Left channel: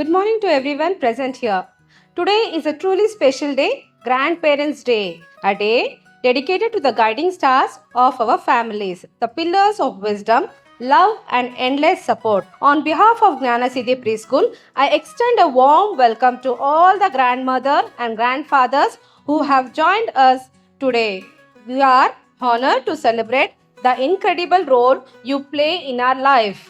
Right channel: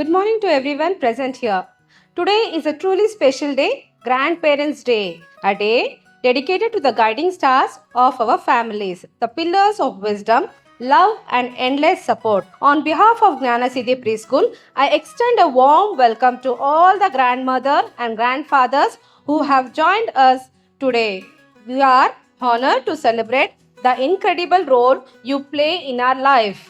Good morning to everyone present here. Today is a truly special day, Grandparents' Day, a day dedicated to the guiding stars of our families, the pillars of wisdom, love, and endless support. On behalf of Gnana Siddhi Preschool, I extend a warm welcome to all the grandmother and grandfathers who have joined us today. We are honored to celebrate the incredible role you play in our life.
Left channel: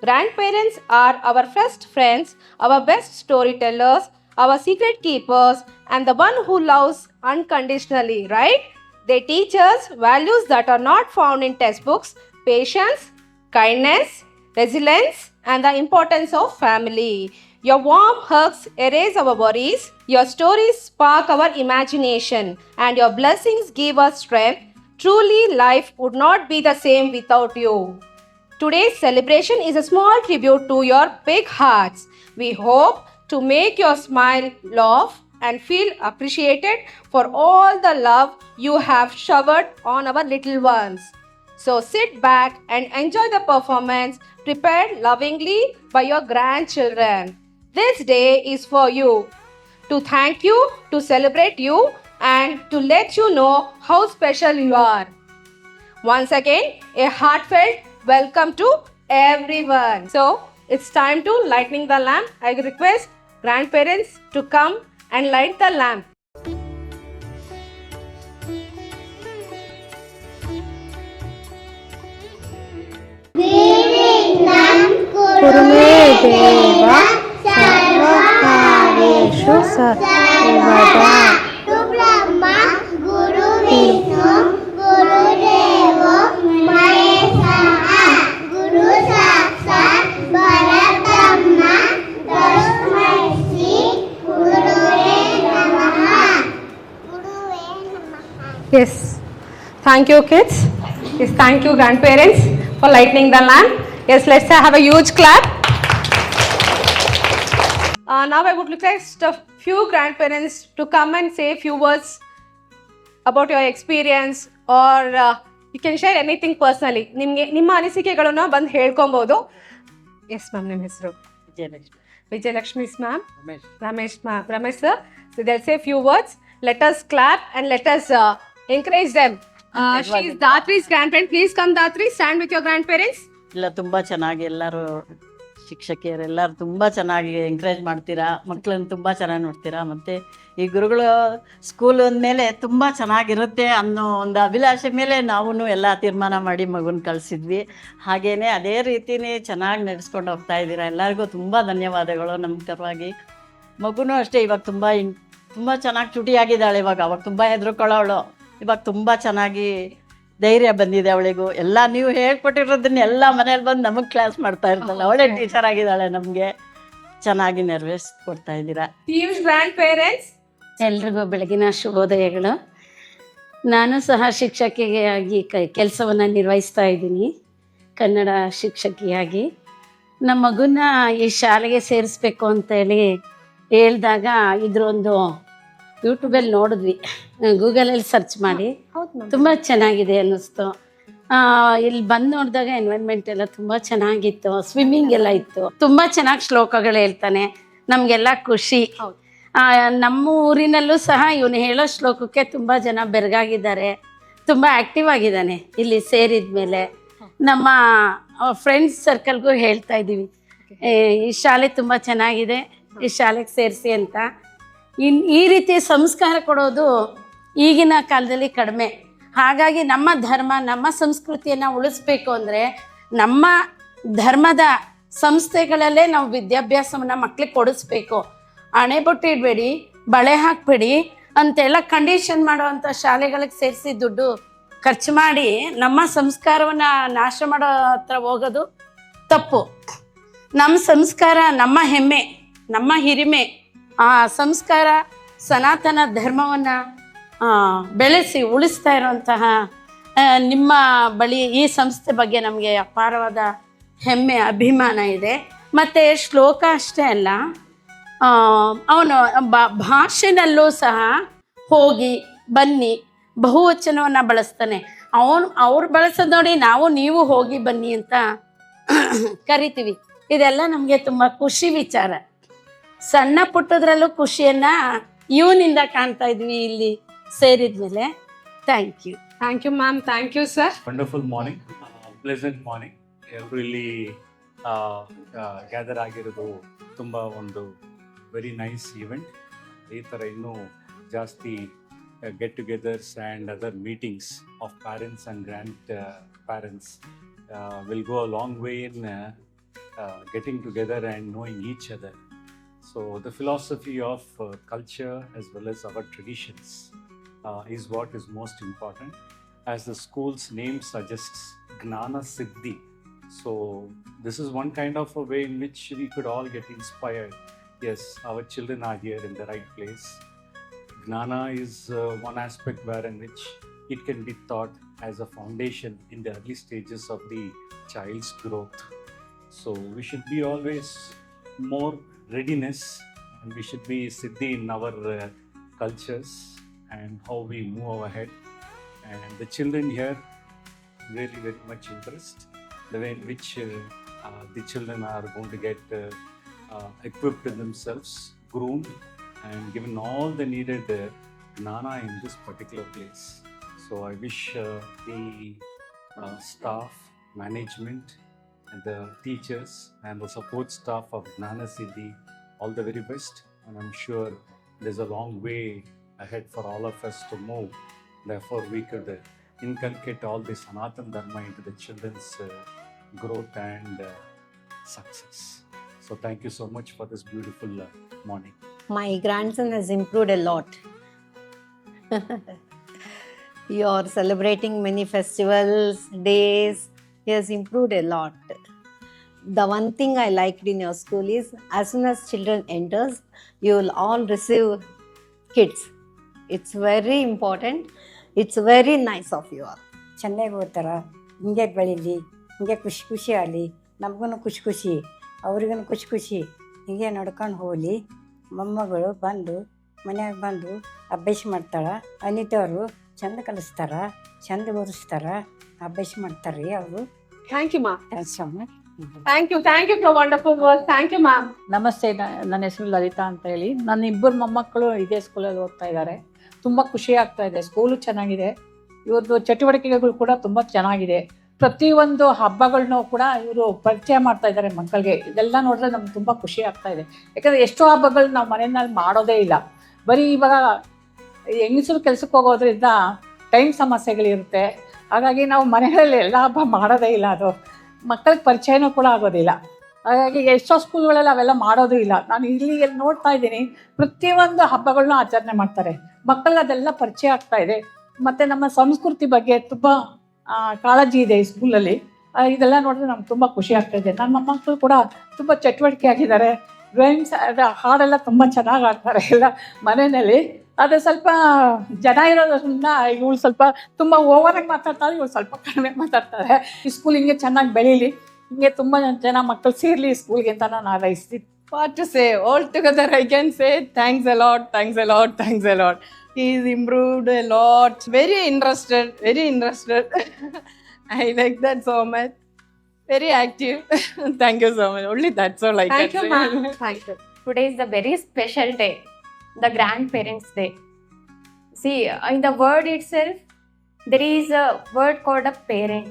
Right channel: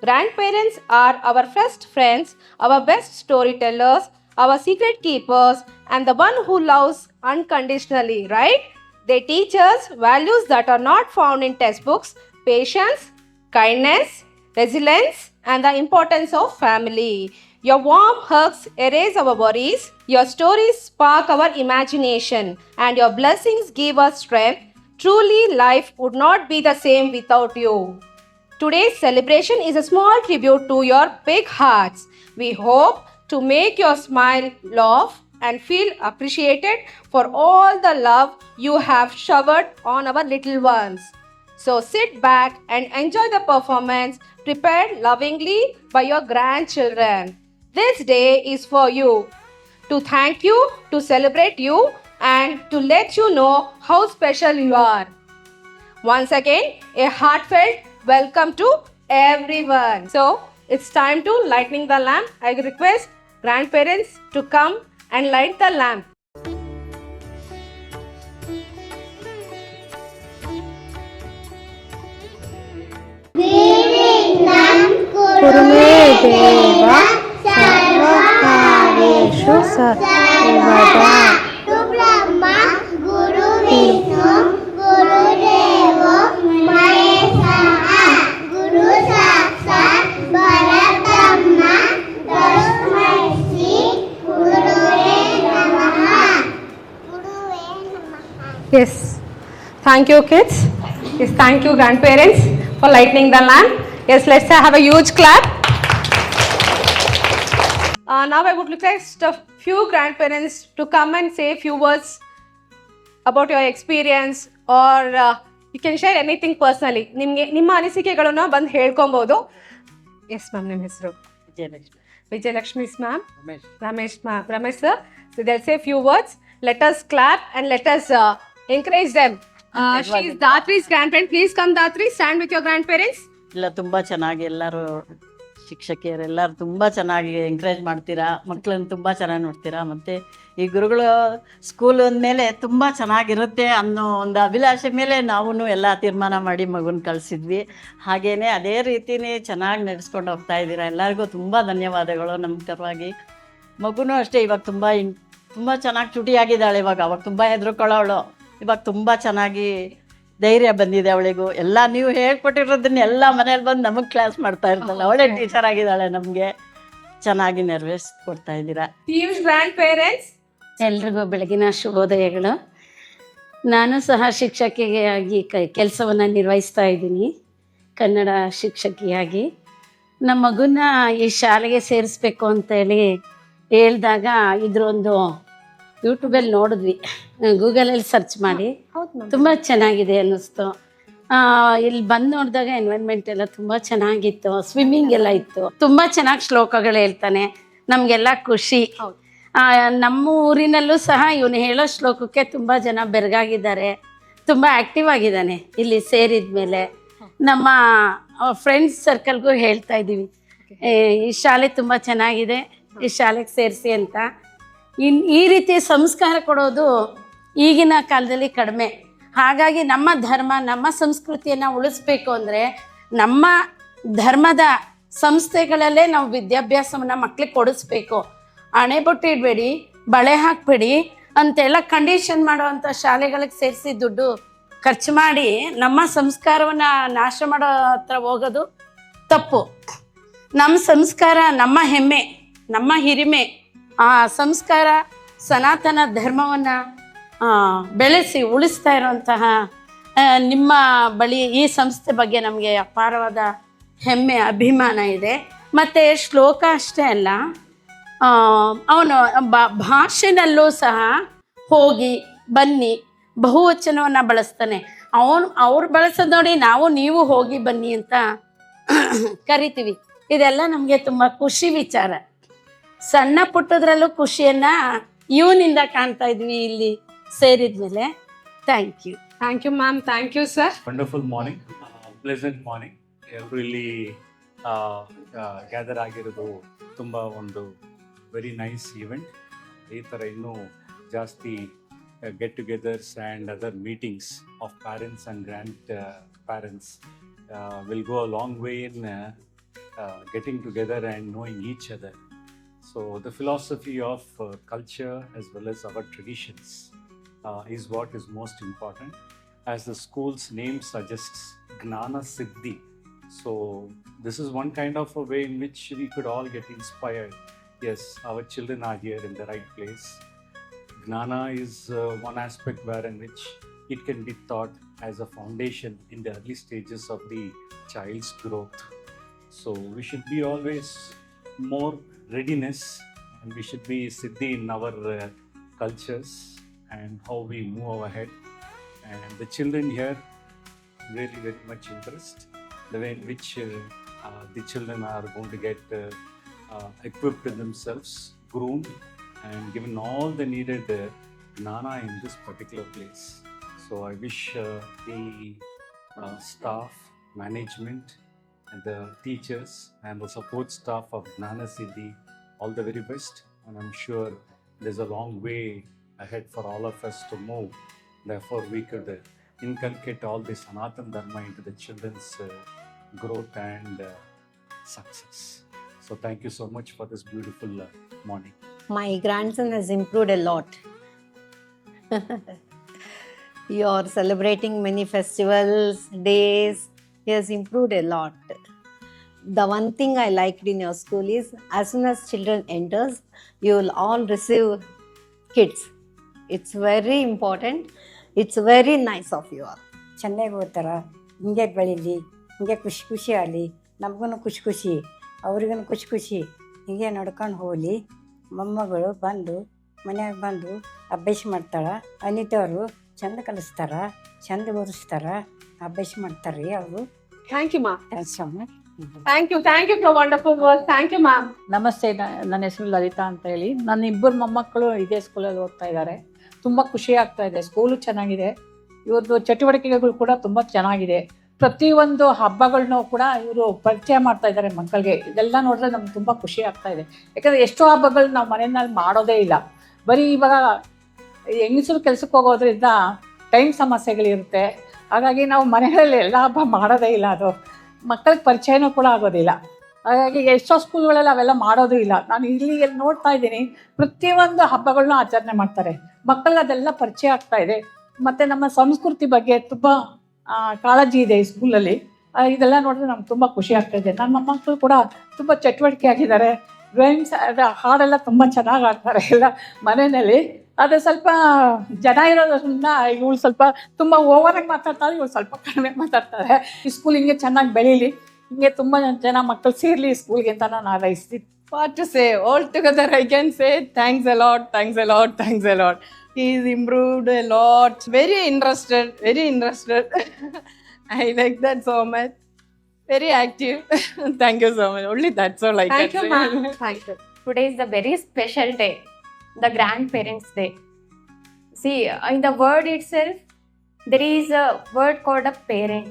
Grandparents are our first friends, our best storytellers, our secret keepers, and the one who loves unconditionally, right? They teach us values that are not found in textbooks: patience, kindness, resilience, and the importance of family. Your warm hugs erase our worries, your stories spark our imagination, and your blessings give us strength. Truly, life would not be the same without you. Today's celebration is a small tribute to your big hearts. We hope to make your smile, laugh, and feel appreciated for all the love you have showered on our little ones. So sit back and enjoy the performance prepared lovingly by your grandchildren. This day is for you, to thank you, to celebrate you, and to let you know how special you are. Once again, a heartfelt welcome to everyone. So, it's time to lighting the lamp. I request grandparents to come and light the lamp. कुरुमे देव सर्वकार्येषु सर्वदा ब्रह्मा गुरु विष्णु गुरुदेवो महेश्वरः गुरु साक्षात् परब्रह्म तस्मै श्री गुरुवे नमः. Yes. Thank you, kids. Yes, thank you, grandparents, for lighting the lamp. Yes, let's have a huge clap. Now I would request a few grandparents to come and say a few words about your experience, or you can share anything personally. ನಿಮ್ಮ ಅನಿಸಿಕೆಗಳನ್ನು ಬಂದು ಹೇಳ್ಕೊಬಹುದು. Yes ma'am, ನಿಮ್ಮ ಹೆಸರು? Vijayalakshmi ma'am. Ramesh sir. So they'll say a few words. Let us clap and let us encourage them. She is Datri's grandparent. Please come, Datri. Stand with your grandparents. ಇಲ್ಲ ತುಂಬ ಚೆನ್ನಾಗಿ ಎಲ್ಲರೂ ಶಿಕ್ಷಕಿಯರೆಲ್ಲರೂ ತುಂಬ ಚೆನ್ನಾಗಿ ಎಂಕರೇಜ್ ಮಾಡ್ತೀರಾ, ಮಕ್ಕಳನ್ನು ತುಂಬ ಚೆನ್ನಾಗಿ ನೋಡ್ತೀರಾ. ಮತ್ತು ಈ ಗುರುಗಳು ಸ್ಕೂಲ್ ಅಂದಮೇಲೆ ತುಂಬ ಚೆನ್ನಾಗಿರುತ್ತೆ ಅನ್ನೋ ಒಂದು ಅಭಿಲಾಷೆ ಮೇಲೆ ನಾವು ಎಲ್ಲ ತೀರ್ಮಾನ ಮಾಡಿ ಮಗುನ ಕಳಿಸಿದ್ವಿ. ಹಾಗೆಯೇ ಅದೇ ರೀತಿಯೇ ಚೆನ್ನಾಗಿ ನಡೆಸ್ಕೊಂಡು ಹೋಗ್ತಾ ಇದ್ದೀರಾ. ಎಲ್ಲರಿಗೂ ತುಂಬ ಧನ್ಯವಾದಗಳು ನಮ್ಮ ಪರವಾಗಿ. ಮಗುನೂ ಅಷ್ಟೇ, ಇವಾಗ ತುಂಬ ಚೆನ್ನಾಗಿ ಚುಟಿಯಾಗಿದ್ದಾಳೆ. ಅವಾಗ ತುಂಬ ಹೆದರ್ಕೊಳ್ಳೋಳು, ಇವಾಗ ತುಂಬ ಚೆನ್ನಾಗಿ ಧೈರ್ಯ ಬಂದಿದೆ ಅವಳಿಗೂ. ಎಲ್ಲ ನೀವು ಹೇಳ್ಕೊಟ್ಟಿರೋದನ್ನ ಎಲ್ಲ ಮನೇಲಿ ಬಂದು ನಮಗೆ ಕ್ಲಾಸ್ ಮಾಡ್ತಾ ಇರ್ತಾಳೆ. ಅವಳೇ ಟೀಚರ್ ಆಗಿದ್ದಾಳೆ, ನಮಗೆ ಚೆನ್ನಾಗಿ ಕೊಡ್ತಾ ಇದ್ದೀರಾ. ಎಲ್ರಿಗೂ ಬೆಳಗಿನ ಶುಭೋದಯಗಳು. ನಾನು ಸಹ ಶಿಕ್ಷಕಿಯಾಗಿ ಕೆಲಸವನ್ನು ನಿರ್ವಹಿಸ್ತಾ ಇದ್ದೀನಿ, ಕನ್ನಡ ಶಿಕ್ಷಕಿಯಾಗಿ. ನಮ್ಮ ಮಗುನ ಈ ಶಾಲೆಗೆ ಸೇರಿಸ್ಬೇಕು ಅಂತೇಳಿ ಹೇಳಿದಾಗ ಇದ್ರೊಂದು ಯೂಟ್ಯೂಬಲ್ಲಿ ನೋಡಿದ್ವಿ, ಗೂಗಲಲ್ಲಿ ಸರ್ಚ್ ಮಾಡಿ ತುಂಬ ಚೆನ್ನಾಗಿದೆ ಅನ್ನಿಸ್ತು. ಇಲ್ಲಿ ಬಂದು ನೋಡಿದಾಗ ಎನ್ವೈರ್ಮೆಂಟ್ ಎಲ್ಲ ತುಂಬ ಚೆನ್ನಾಗಿತ್ತು, ಸ್ವಿಮ್ಮಿಂಗ್ ಎಲ್ಲ ಇತ್ತು, ತುಂಬ ಚೆನ್ನಾಗಿ ಶ್ಲೋಕಗಳು ಹೇಳ್ತಾನೆ, ನಮಗೆಲ್ಲ ಖುಷಿ. ನಮ್ಮ ಊರಿನಲ್ಲೂ ಸಹ ಇವನು ಹೇಳೋ ಶ್ಲೋಕಕ್ಕೆ ತುಂಬ ಜನ ಬೆರಗಾಗಿದ್ದಾರೆ, ತುಂಬ ಆ್ಯಕ್ಟಿವ್ ಆಗಿದ್ದಾನೆ. ಇಲ್ಲಿ ಸೇರಿದ ಮೇಲೆ ನಮ್ಮ ಫ್ರೆಂಡ್ಸ್ ಸರ್ಕಲ್ಗೂ ಹೇಳ್ತಾ ಇದ್ದೀವಿ, ಈ ಶಾಲೆ ತುಂಬ ಚೆನ್ನಾಗಿದೆ, ಈ ಶಾಲೆಗೆ ಸೇರಿಸಿ ಅಂತ. ಈ ರೀತಿ ಸಂಸ್ಕಾರ ಕೊಡೋದು ಈಗಿನ ಕಾಲದಲ್ಲಿ ಕಡಿಮೆ. ಹಾಗಾಗಿ ನಮ್ಮ ಧರ್ಮ, ನಮ್ಮ ಸಂಸ್ಕೃತಿಯನ್ನು ಉಳಿಸ್ಬೇಕು ಅಂದರೆ ನಮ್ಮ ಧರ್ಮದ ಸಂಸ್ಥೆಗಳಲ್ಲೇ ನಾವು ವಿದ್ಯಾಭ್ಯಾಸವನ್ನು ಮಕ್ಕಳಿಗೆ ಕೊಡಿಸ್ಬೇಕು. ಹಣೆಬೊಟ್ಟು ಇಡಬೇಡಿ, ಬಳೆ ಹಾಕಬೇಡಿ ಅಂತೆಲ್ಲ ಕಂಡೀಷನ್ ಮಾಡೋವಂಥ ಶಾಲೆಗಳಿಗೆ ಸೇರಿಸಿ ದುಡ್ಡು ಖರ್ಚು ಮಾಡಿ ನಮ್ಮ ಸಂಸ್ಕಾರವನ್ನು ನಾಶ ಮಾಡೋ ಹತ್ರ ಹೋಗೋದು ತಪ್ಪು. ನಮ್ಮ ಸಂಸ್ಕಾರ ನಮ್ಮ ಹೆಮ್ಮೆ, ನಮ್ಮ ಹಿರಿಮೆ. ಆ ಸಂಸ್ಕಾರ ಸನಾತನ ಧರ್ಮವನ್ನು ಬೆಳೆಸಿ ಉಳಿಸ್ತಾ ಇರುವಂತಹ ನಿಮ್ಮ ಬಳಿ ಈ ಸಂಸ್ಥೆ ಬಗ್ಗೆ ನಮಗೆ ಅಪಾರವಾದ ಹೆಮ್ಮೆ, ಅಭಿಮಾನ ಇದೆ. ಮತ್ತು ಶ್ಲೋಕ ಅಷ್ಟೇ ಅಲ್ಲ, ಅವನು ಭಾಷೆನಲ್ಲೂ ಸಹ ಹೋಗಿ ಬನ್ನಿ ಬಹುವಚನವನ್ನು ಬಳಸ್ತಾನೆ. ಅವ್ರು ಬಳಸೋದು ನೋಡಿ ನಾವು ನೀವು ಹೋಗಿ ಬನ್ನಿ ಅಂತ ಕರಿತೀವಿ. ಇದೆಲ್ಲ ನಮಗೆ ತುಂಬ ಖುಷಿ ವಿಚಾರ. ಸಣ್ಣ ಪುಟ್ಟದ್ರಲ್ಲೂ ಖುಷಿಯನ್ನ ಇವನಿಂದ ಕಾಣ್ತಾ ಇದ್ವಿ ಇಲ್ಲಿ ಸೇರಿದ್ಮೇಲೆ. Thank you. Thank you, ma'am. Thank you, sir. Wonderful morning, pleasant morning. ಎಲ್ಲರೂ ಇಲ್ಲಿ ಗ್ಯಾದರ್ ಆಗಿರೋದು ತುಂಬ ಒಂದು ವೆರಿ ನೈಸ್ ಈವೆಂಟ್. ಈ ಥರ ಇನ್ನೂ ಜಾಸ್ತಿ get togethers and other meetings of parents and grandparents will go a long way in getting together and knowing each other. So the philosophy of culture as well as our traditions is what is most important. As the school's name suggests, Gnana Siddhi. So this is one kind of a way in which we could all get inspired. Yes, our children are here in the right place. Gnana is one aspect wherein which it can be taught as a foundation in the early stages of the child's growth. So we should be always more readiness, and we should be siddhi in our cultures and how we move ahead. And the children here really very much interest the way in which the children are going to get equipped in themselves, groomed and given all the needed gnana in this particular place. So I wish the staff, management and the teachers and the support staff of Gnana Siddhi all the very best, and I'm sure there's a long way ahead for all of us to move. Therefore we could inculcate all this Sanatan Dharma into the children's growth and success. So thank you so much for this beautiful morning. My grandson has improved a lot. You're celebrating many festivals, days. He has improved a lot. The one thing I liked in your school is as soon as children enters, you will all receive kids. It's very important. It's very nice of you all. ಚೆನ್ನಾಗಿ ಓದ್ತಾರ, ಹಿಂಗೆ ಬೆಳೀಲಿ, ಹಿಂಗೆ ಖುಷಿ ಖುಷಿ ಆಗಲಿ, ನಮಗೂ ಖುಷಿ ಖುಷಿ, ಅವ್ರಿಗೂ ಖುಷಿ ಖುಷಿ, ಹಿಂಗೆ ನಡ್ಕೊಂಡು ಹೋಗಲಿ. ಮೊಮ್ಮಗಳು ಬಂದು ಮನ್ಯಾಗ ಬಂದು ಅಭ್ಯಾಸ ಮಾಡ್ತಾಳೆ. ಅನಿತವರು ಚಂದ ಕಲಿಸ್ತಾರ, ಚಂದ ಓದಿಸ್ತಾರ, ಅಭ್ಯಾಸ ಮಾಡ್ತಾರೆ ರೀ ಅವರು. Thank you, ma'am. Swami. Thank you for wonderful words. Thank you, ma'am. ನಮಸ್ತೆ, ನನ್ನ ಹೆಸರು ಲಲಿತಾ ಅಂತ ಹೇಳಿ. ನನ್ನ ಇಬ್ಬರು ಮೊಮ್ಮಕ್ಕಳು ಇದೇ ಸ್ಕೂಲಲ್ಲಿ ಓದ್ತಾ ಇದ್ದಾರೆ. ತುಂಬ ಖುಷಿ ಆಗ್ತಾ ಇದೆ. ಸ್ಕೂಲು ಚೆನ್ನಾಗಿದೆ, ಇವ್ರದ್ದು ಚಟುವಟಿಕೆಗಳು ಕೂಡ ತುಂಬ ಚೆನ್ನಾಗಿದೆ. ಪ್ರತಿಯೊಂದು ಹಬ್ಬಗಳನ್ನೂ ಕೂಡ ಇವರು ಪರಿಚಯ ಮಾಡ್ತಾ ಇದ್ದಾರೆ ಮಕ್ಕಳಿಗೆ. ಇದೆಲ್ಲ ನೋಡಿದ್ರೆ ನಮ್ಗೆ ತುಂಬ ಖುಷಿ ಆಗ್ತಾ ಇದೆ. ಯಾಕಂದರೆ ಎಷ್ಟೋ ಹಬ್ಬಗಳು ನಾವು ಮನೆಯಲ್ಲಿ ಮಾಡೋದೇ ಇಲ್ಲ. ಬರೀ ಇವಾಗ ಹೆಂಗಸರು ಕೆಲ್ಸಕ್ಕೆ ಹೋಗೋದ್ರಿಂದ ಟೈಮ್ ಸಮಸ್ಯೆಗಳಿರುತ್ತೆ. ಹಾಗಾಗಿ ನಾವು ಮನೆಗಳಲ್ಲಿ ಎಲ್ಲ ಹಬ್ಬ ಮಾಡೋದೇ ಇಲ್ಲ. ಅದು ಮಕ್ಕಳಿಗೆ ಪರಿಚಯನೂ ಕೂಡ ಆಗೋದಿಲ್ಲ. ಹಾಗಾಗಿ ಎಷ್ಟೋ ಸ್ಕೂಲ್ಗಳಲ್ಲಿ ಅವೆಲ್ಲ ಮಾಡೋದು ಇಲ್ಲ. ನಾನು ಇಲ್ಲಿ ನೋಡ್ತಾ ಇದ್ದೀನಿ, ಪ್ರತಿಯೊಂದು ಹಬ್ಬಗಳನ್ನೂ ಆಚರಣೆ ಮಾಡ್ತಾರೆ. ಮಕ್ಕಳಿಗೆ ಅದೆಲ್ಲ ಪರಿಚಯ ಆಗ್ತಾ ಇದೆ. ಮತ್ತು ನಮ್ಮ ಸಂಸ್ಕೃತಿ ಬಗ್ಗೆ ತುಂಬ ಕಾಳಜಿ ಇದೆ ಈ ಸ್ಕೂಲಲ್ಲಿ. ಇದೆಲ್ಲ ನೋಡಿದ್ರೆ ನಮ್ಗೆ ತುಂಬ ಖುಷಿ ಆಗ್ತಾಯಿದೆ. ನನ್ನ ಮೊಮ್ಮಕ್ಕಳು ಕೂಡ ತುಂಬ ಚಟುವಟಿಕೆ ಆಗಿದ್ದಾರೆ. ಡ್ರಾಯಿಂಗ್ಸ್ ಹಾಡೆಲ್ಲ ತುಂಬ ಚೆನ್ನಾಗಿ ಆಡ್ತಾರೆ ಎಲ್ಲ ಮನೆಯಲ್ಲಿ. ಅದು ಸ್ವಲ್ಪ ಜನ ಇರೋದ್ರಿಂದ ಇವಳು ಸ್ವಲ್ಪ ತುಂಬ ಓವರಾಗಿ ಮಾತಾಡ್ತಾರೆ, ಇವಳು ಸ್ವಲ್ಪ ಕಡಿಮೆ ಮಾತಾಡ್ತಾರೆ. ಈ ಸ್ಕೂಲ್ ಹಿಂಗೆ ಚೆನ್ನಾಗಿ ಬೆಳೀಲಿ, ಹಿಂಗೆ ತುಂಬ ಜನ ಮಕ್ಕಳು ಸೇರಲಿ ಈ ಸ್ಕೂಲ್ಗೆ ಅಂತ ನಾನು ಹಾರೈಸ್ತೀನಿ. What to say? All together I can say thanks a lot, thanks a lot, thanks a lot. He's improved a lot. Very interested, very interested. I like that so much. Very active. Thank you so much. Only that's all I Thank can you, say. ma'am. Thank you. Today is a very special day, the Grandparents' Day. See, in the word itself, there is a word called a parent.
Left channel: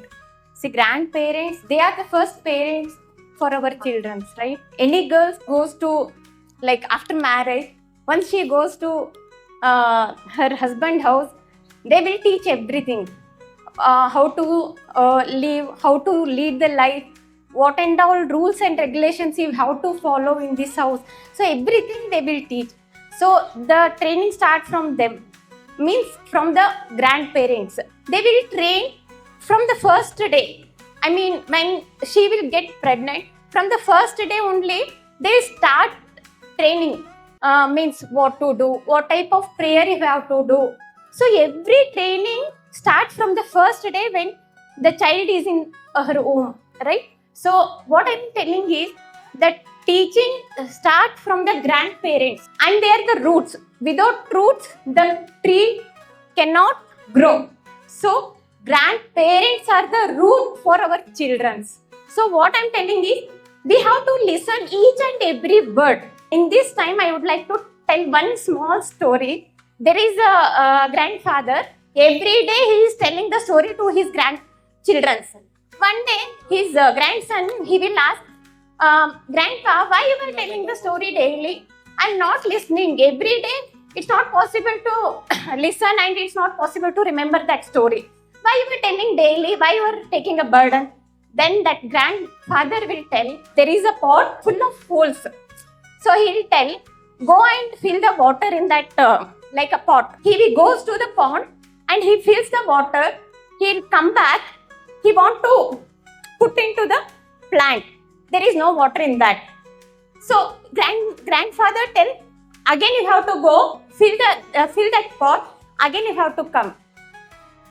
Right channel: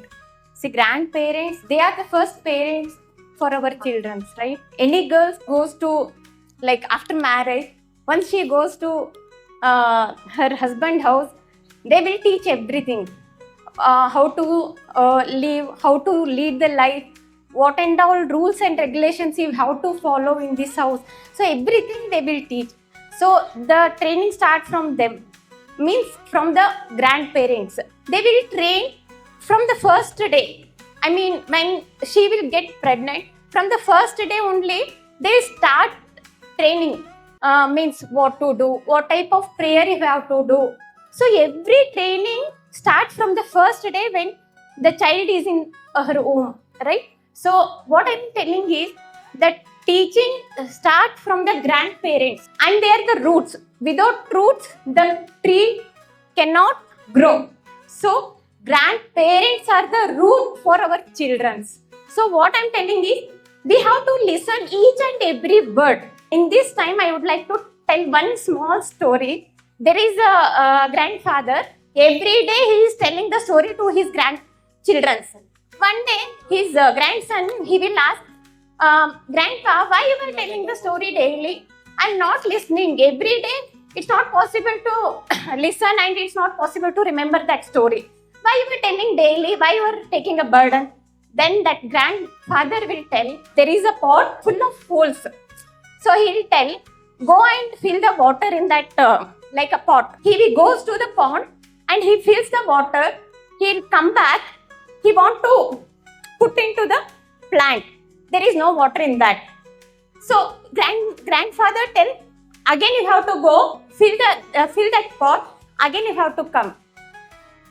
See, grandparents, they are the first parents for our children, right? Any girl goes to, like after marriage, once she goes to her husband's house, they will teach everything. How to live, how to lead the life, what and all rules and regulations you have to follow in this house. So everything they will teach. So the training starts from them, means from the grandparents. They will train from the first day. I mean, when she will get pregnant, from the first day only, they start training. Means what to do, what type of prayer you have to do. So every training starts from the first day when the child is in her womb, right? So what I'm telling is that teaching starts from the grandparents, and they are the roots. Without roots, the tree cannot grow. So grandparents are the root for our children. So what I'm telling is, we have to listen each and every word. In this time, I would like to tell one small story. There is a grandfather. Every day he is telling the story to his grandchildren. One day, his grandson, he will ask, Grandpa, why you are telling the story daily? I'm not listening. Every day, it's not possible to listen and it's not possible to remember that story. Why you are telling daily? Why you are taking a burden? Then that grandfather will tell, there is a pot full of fools. So he will tell, go and fill the water in that like a pot. He goes to the pond and he fills the water. He'll come back. He want to put into the plant. There is no water in that. So grandfather tell, again you have to go fill that pot. Again you have to come.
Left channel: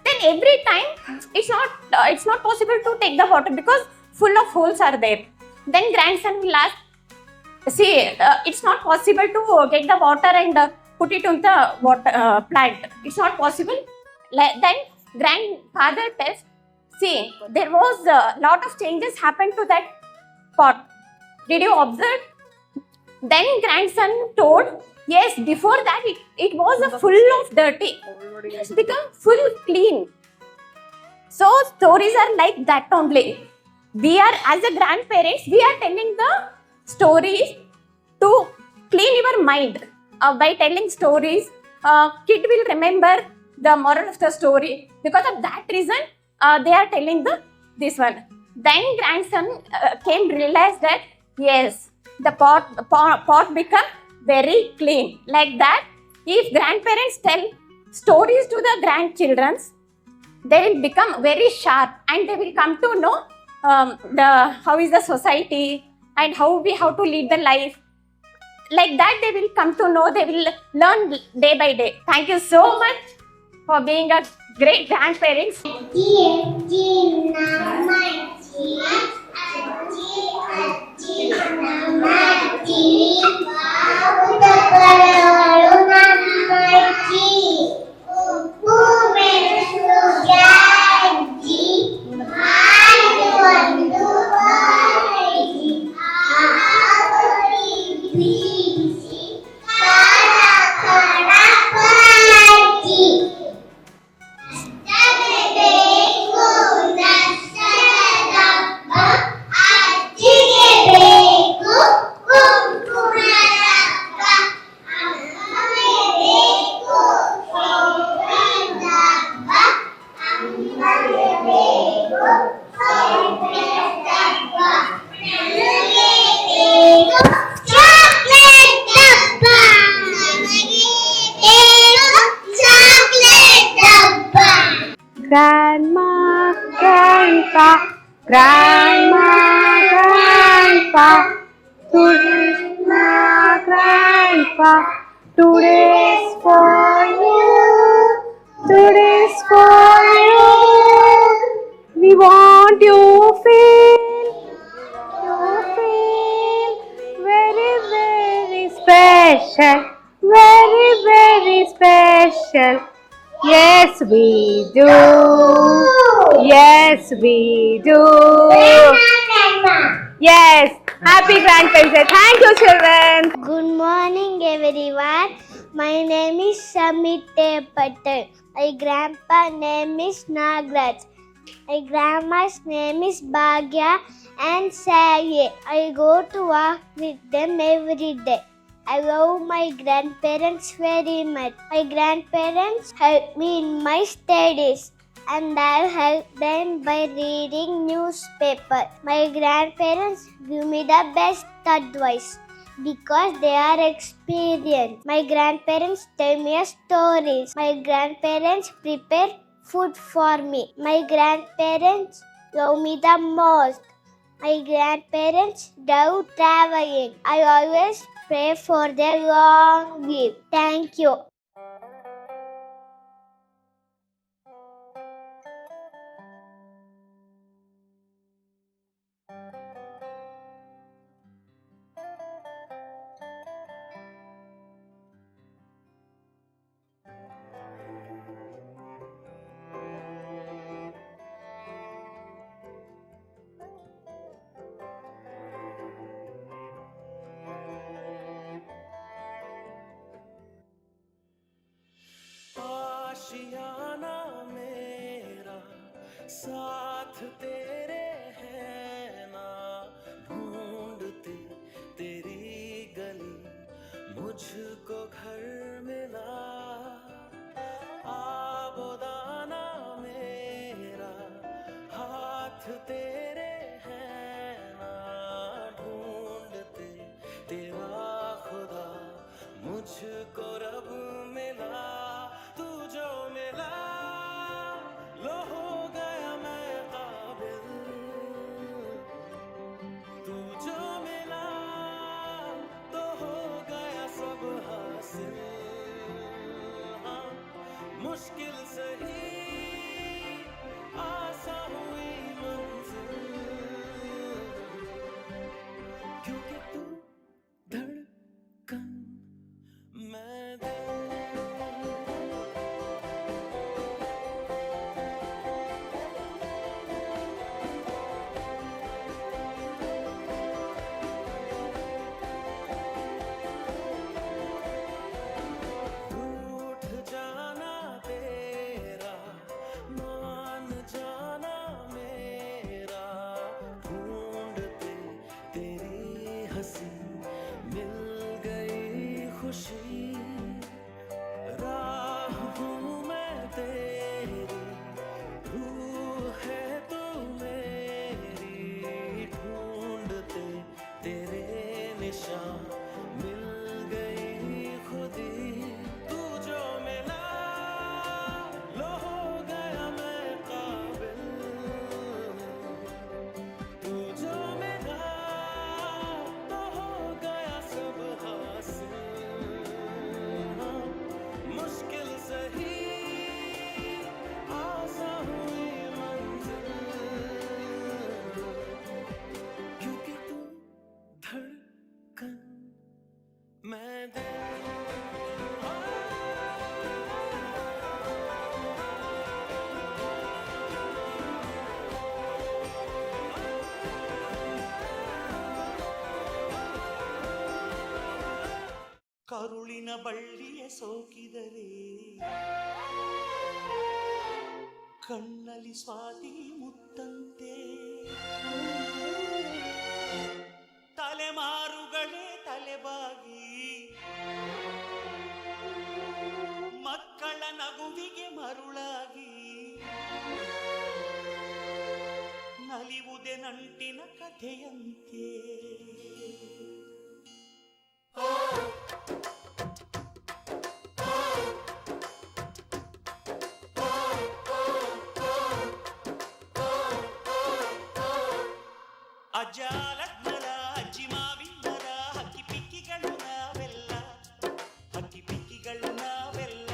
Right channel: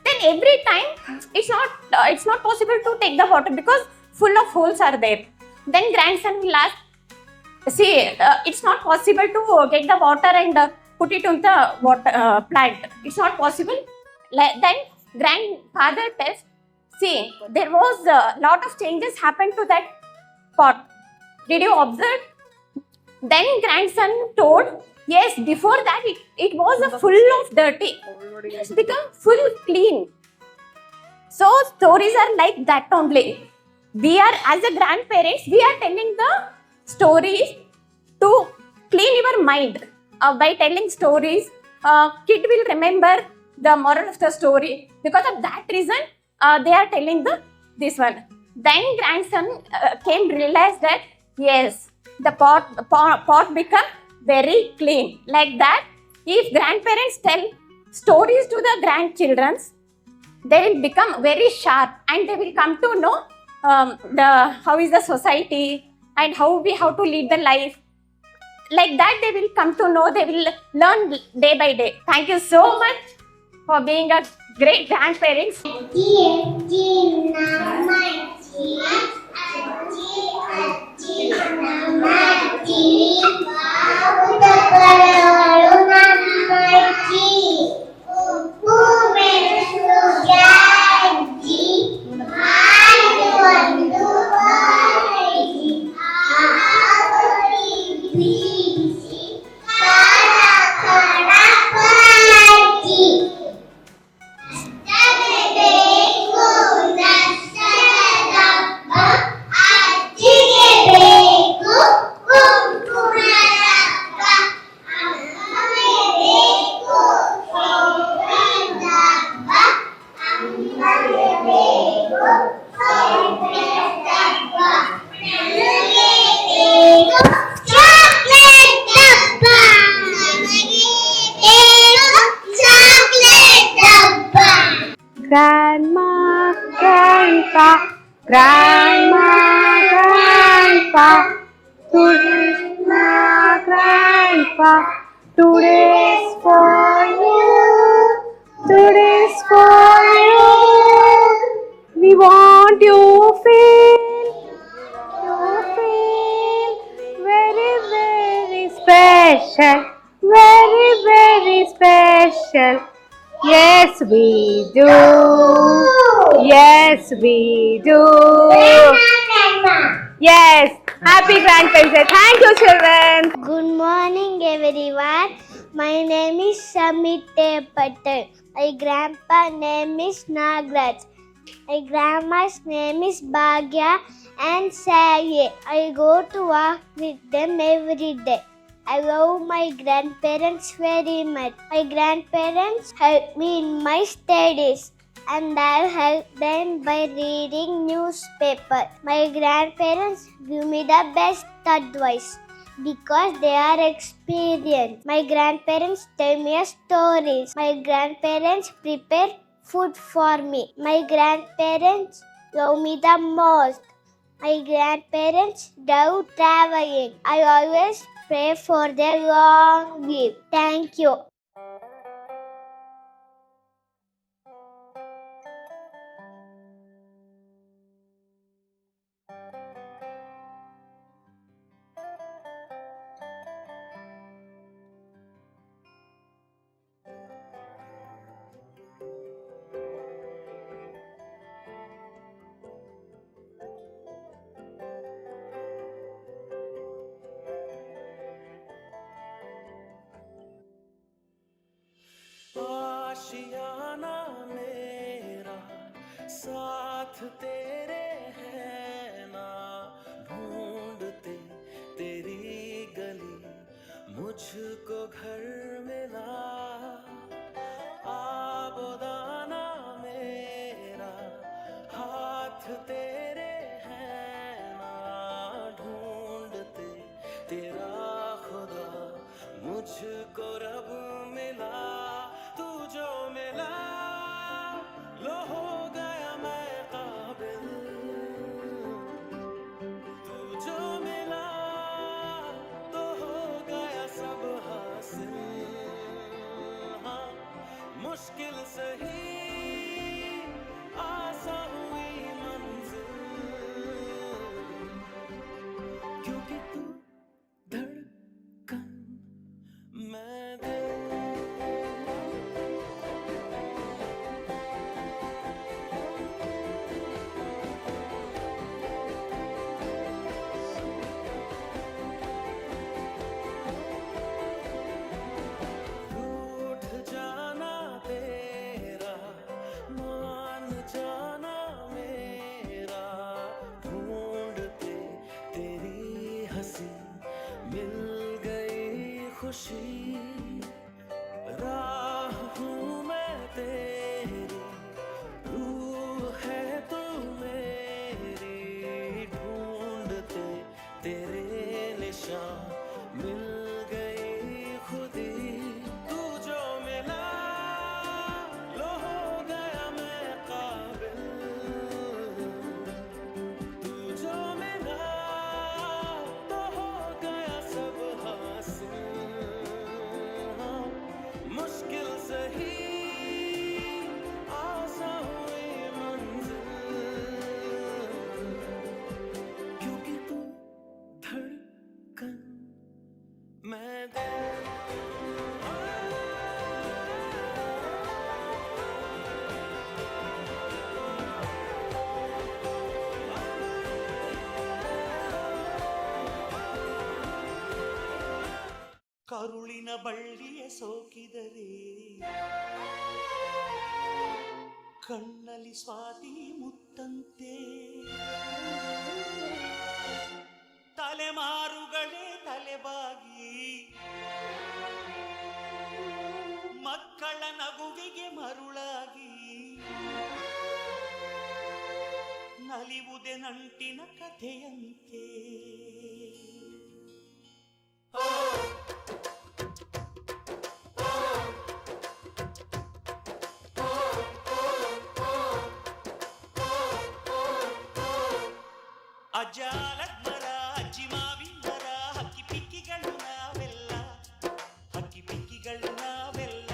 Then every time it's not possible to take the water because full of holes are there. Then grandson will ask, see, it's not possible to get the water and put it on the water plant. It's not possible. Then grandfather tells, see, there was a lot of changes happened to that pot. Did you observe? Then grandson told, yes, before that it was full of dirty. It's become full clean. So stories are like that only. We are, as a grandparents, we are telling the stories to clean your mind. By telling stories, kid will remember the moral of the story. Because of that reason, they are telling this one. Then grandson came realize that yes, the pot become very clean. Like that, if grandparents tell stories to the grandchildren, they will become very sharp and they will come to know how is the society and how to lead the life. Like that, they will come to know, they will learn day by day. Thank you so much for being a great grandparents. Grandma, grandpa, grandma, grandpa, grandma, grandpa, today's for you, today's for you. We want you feel very, very special, very, very special. Yes, we do. Yes, we do. Yes. Happy Grandparents Day. Thank you, children. Good morning, everyone. My name is Samite Patel. My grandpa name is Nagraj. My grandma's name is Bhagya and Saye. I go to work with them every day. I love my grandparents very much. My grandparents help me in my studies and I help them by reading newspaper. My grandparents give me the best advice because they are experienced. My grandparents tell me stories. My grandparents prepare food for me. My grandparents love me the most. My grandparents love traveling. I always pray for their long life. Thank you. साथ तेरे है ना ढूंढते तेरी गली, मुझको घर मिला आबोदाना मेरा, हाथ तेरे है ना ढूंढते तेरा खुदा, मुझको रब मिला, तू जो मिला लो हो गया मैं काबिल, तू जो मिला तो हो गया सब हासिल, हाँ मुश्किल सही आसान हुई मंजिल, क्योंकि तू धड़कन मैं मिल गई खुदी, तू जो मिला लो हो गया मैं काबिल, तू जो मिला तो हो गया सब हासिल, मुश्किल सही आसान हुई मंजिल, क्योंकि तू धड़कन मैं ಕರುಳಿನ ಬಳ್ಳಿಯ ಸೋಕಿದರೆ ಕಣ್ಣಲ್ಲಿ ಸ್ವಾತಿ ಮುತ್ತಂತೆ, ತಲೆಮಾರುಗಳೇ ತಲೆಬಾಗಿ ಮಕ್ಕಳ ನಗುವಿಗೆ ಮರುಳಾಗಿ, ನಲಿವುದೇ ನಂಟಿನ ಕಥೆಯಂತೆ. ಅಜ್ಜಾಲಜ್ಞರ ಅಜ್ಜಿ ಮಾವಿಂದರ ಹಕ್ಕಿ ಪಿಕ್ಕಿಗಳು ನಾವೆಲ್ಲ, ಹಕ್ಕಿ ಪಿಕ್ಕಿಗಳು ನಾವೆಲ್ಲ,